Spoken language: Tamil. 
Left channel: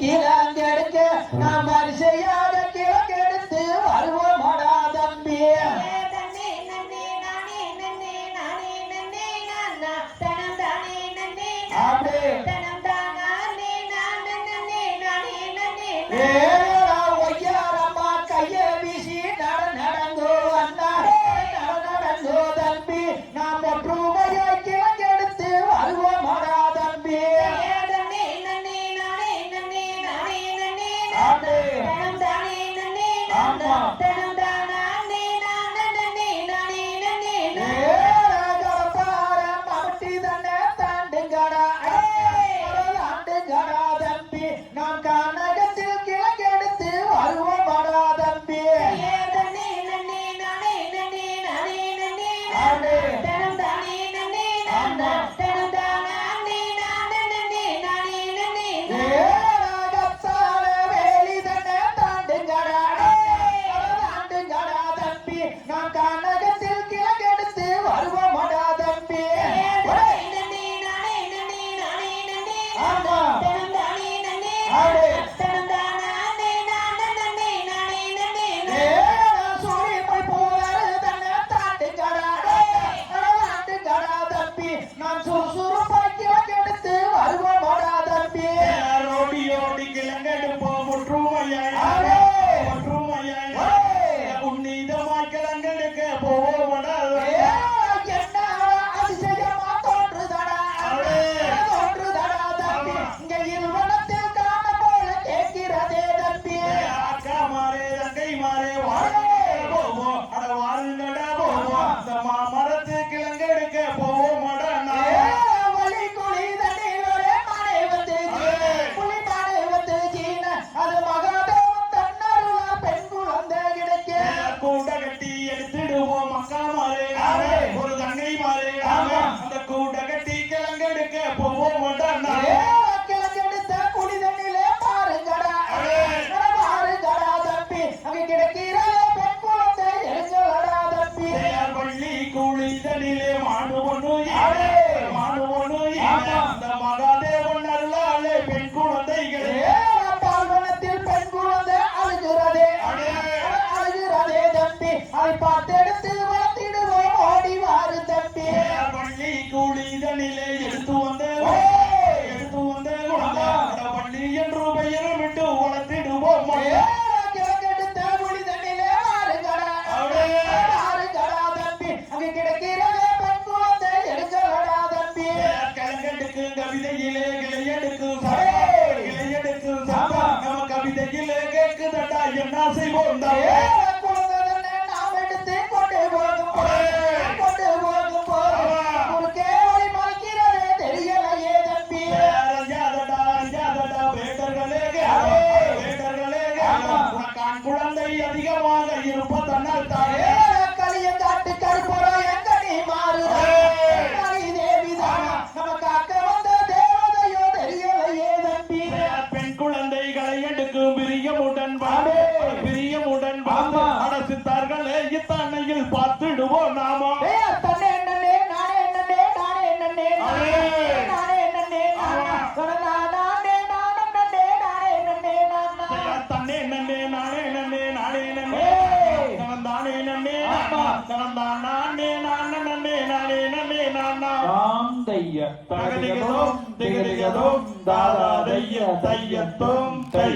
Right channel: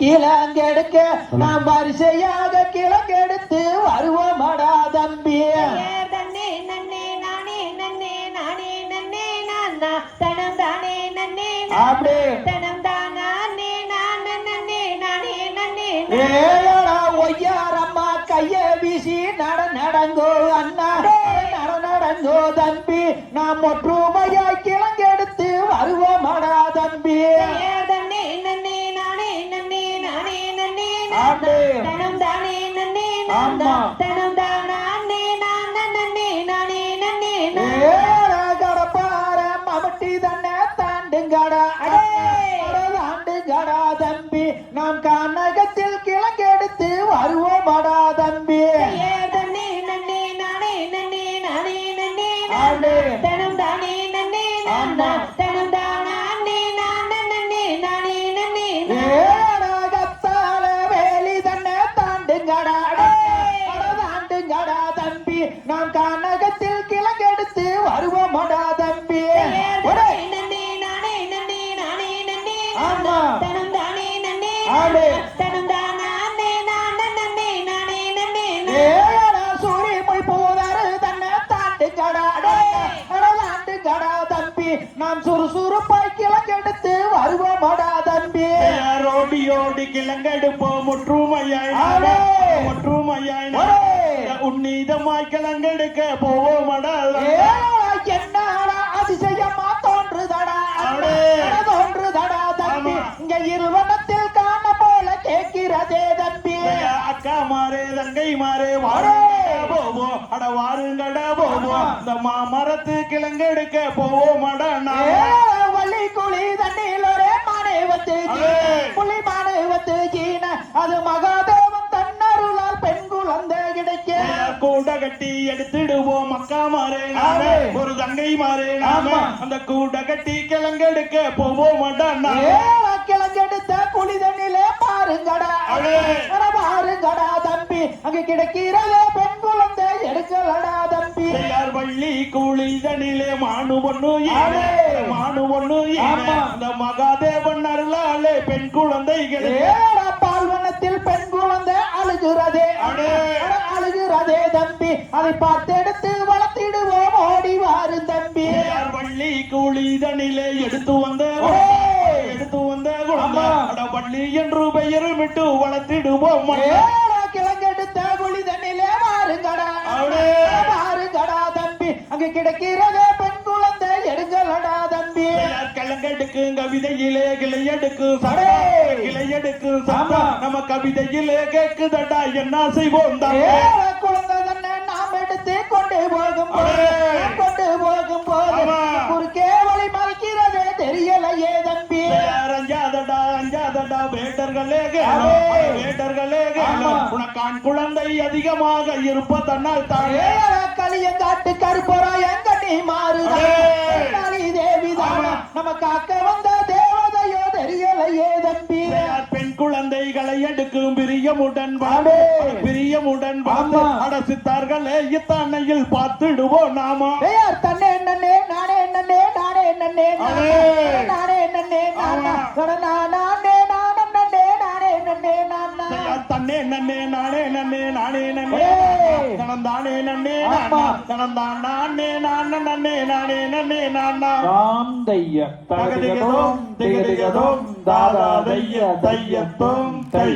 கீழங்கெடுக்க நாம் வரிசையாக கிழக்கெடுத்து வருவோமாடா தம்பி அப்படியே ஆமா. ஆமா. தினம் தானே நன்னே மாமாரே போவோம். அட வாருங்கட போவோம். நம்ம மரத்து கிழங்கு எடுக்க போவோம். எடுத்துடுவோம். மக்கா மாறே. ஒரு தங்கை மாறே. அந்த கூட கட்டி கிழங்கு எடுக்க போவோம். இதனிலே மாணுவனு மாணுவனு அந்த மகாதேவன் அல்லாலே பெண் குழந்தைகளே பால்வனத்தில் பெண் குழந்தை அழுகிறதே. அழுகிறதே தம்பி. அதை பார்த்து எடுத்து வளர்த்திடுவோம் ஓடி வாரு தம்பி. பள்ளி கூலி இதனிலே எடுத்து வந்த எடுத்து வந்த குழந்தை. பள்ளி என்று பெயரும் விட்டு வளர்த்திடுவோம் மழையே கிளையனுக்கு கவிதையிலே கிளையனுக்கு கிளையனுக்கு சந்தா நம்ம கவிதையிலே கேட்குதடா என்ன செய்வோம் குழந்தை அதிகமா. எனக்கு பிரியம் உடன்பாடு. பிரியம் உடன்பாடு. அடசித்தார்கள் தன்னையில் பார்த்துடுவோம் நாம. தன்னை என்னன்னே நானே என்னன்னே நானே என்னன்னே நானே என்னன்னே நானே. நானே நானே என்னன்னே தன்னை என்னன்னே நானே என்னன்னே நானே என்னன்னே கடந்தானே என்னன்னே கடந்தான் நானே. நான். நன்னே நானே என்னன்னே நானா தாந்தைய தகதிகதோம் திகதிகதோம் தாதாதைய தையத்தோம் கை.